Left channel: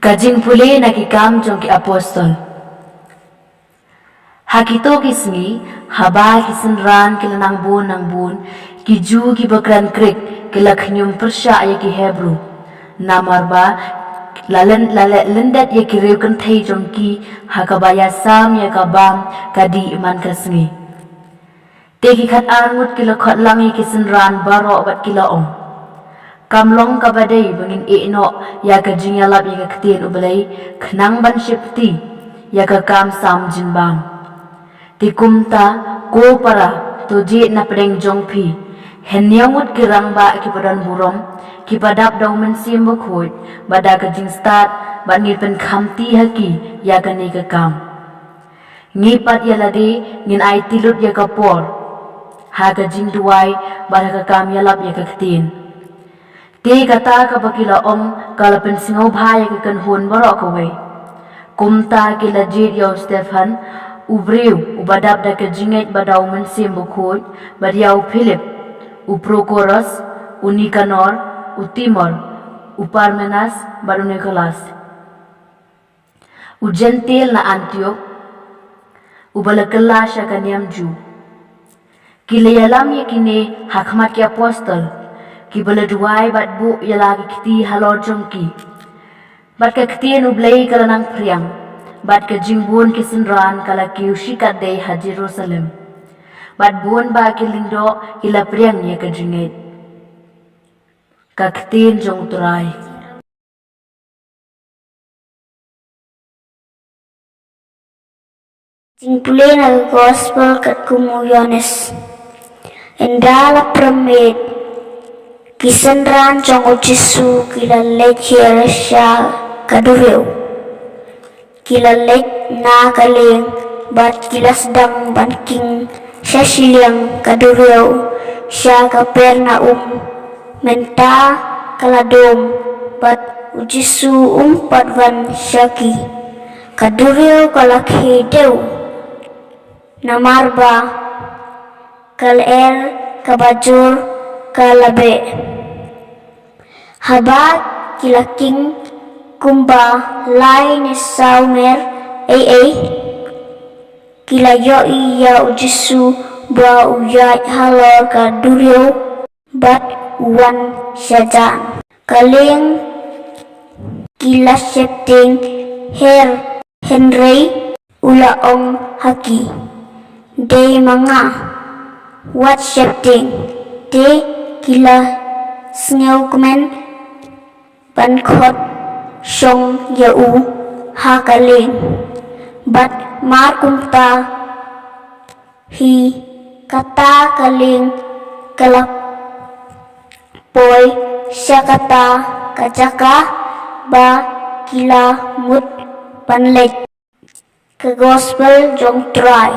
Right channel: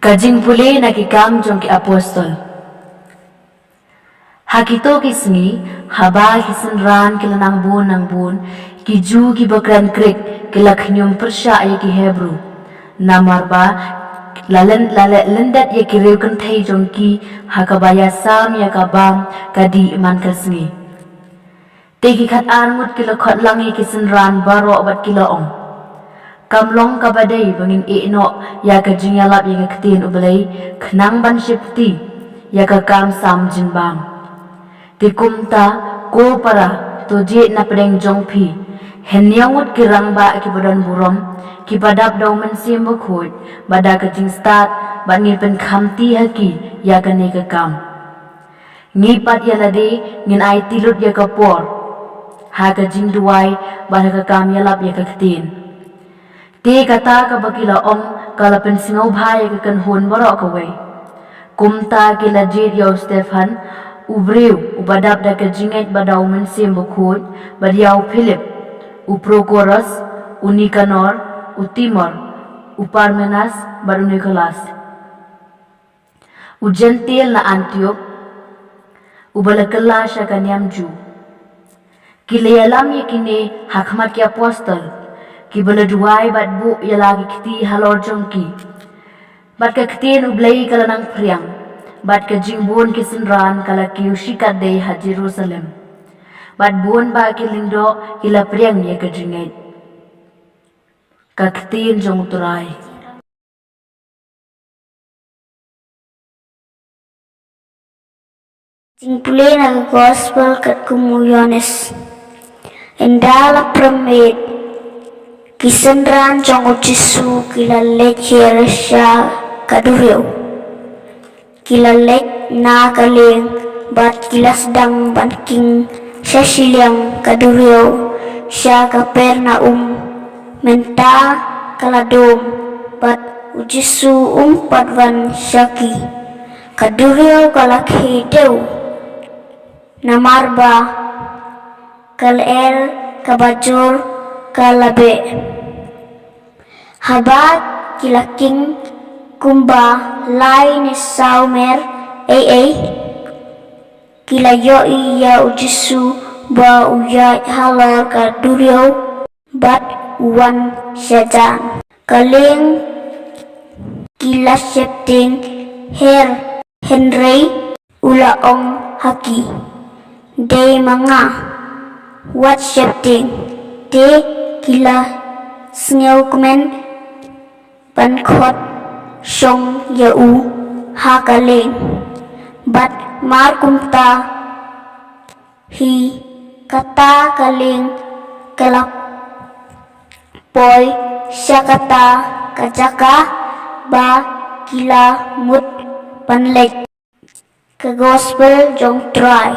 Ka Jingpule nakikam jong ki apostol. Hakito ki Sngi, haba ki senran ki lanang bun, ki ju ki bakran krik, ki lakhnyum persya ya ki Hebrew. Namarba, lendat ya ki reukan thai jong ki, hakabaya sam ya ka bam, kadi iman ka Sngi. Te ki khat angut ki lakhot lang ya ki senran baro bat ki laong. Kamlong kabadai bangin no ya ka jingalap ya ka ketin ubalai, khnang ban shipti, ya ka kam sam jinbam. Tikumta ko para to je na pedeng jongpi henyangut kirang ba ki badan burom ki padap daw men simbo khoi bada ka jing start ban ngin pen khamti haki ya ka ne ka kam ngi pat ya lade ngin ai tilut ya ka por ha ka jing duai bada ka kam ya lap ya ka ktin te kata ka bakila ong kala pen singau bha ya ka kan hon baro ka we kumta ki lajit yo Stefan Ubreu ubadap da kejinget badaw mensim bukut badiaw Philip uprokoros unikanor utimor uparmenas badu Nicholas ujentil na Antioch ubalakala siya kanyam Jew kilayalam yakine hakmat ki apostol kibaladuay batbu yalaki kiti halor jongki bat kaktin ublay kalanang priang bat ka jingbun ki senran kala ki ushikat day ha Jerusalem bat buon ba ki lingdo kila priang ya ka jingait ka ktin jong turai Jingpule na gospel kat kumuyones endala premed kisenran jong ujisu kila lecher sya kadureu kila lek na kaleng bat kila sedang banking sya siliang kadureu sya kaperna menta kaladom bat ujisu patvan syaki kadureu kalakhe deu namarba kalel kabajur kalabe habat kilaking kumba lai ni saumer kila yo iya ujisu ba uyat halor ka duryo bat uwan syajan kaleng kila septing Henry ulaong haki day mga wat septing de kila sngew kumen pankot Shong yau hakaling bat markumta hi kata kaling kalak poi syakata kajaka ba kila mut panlek ke gospel jong try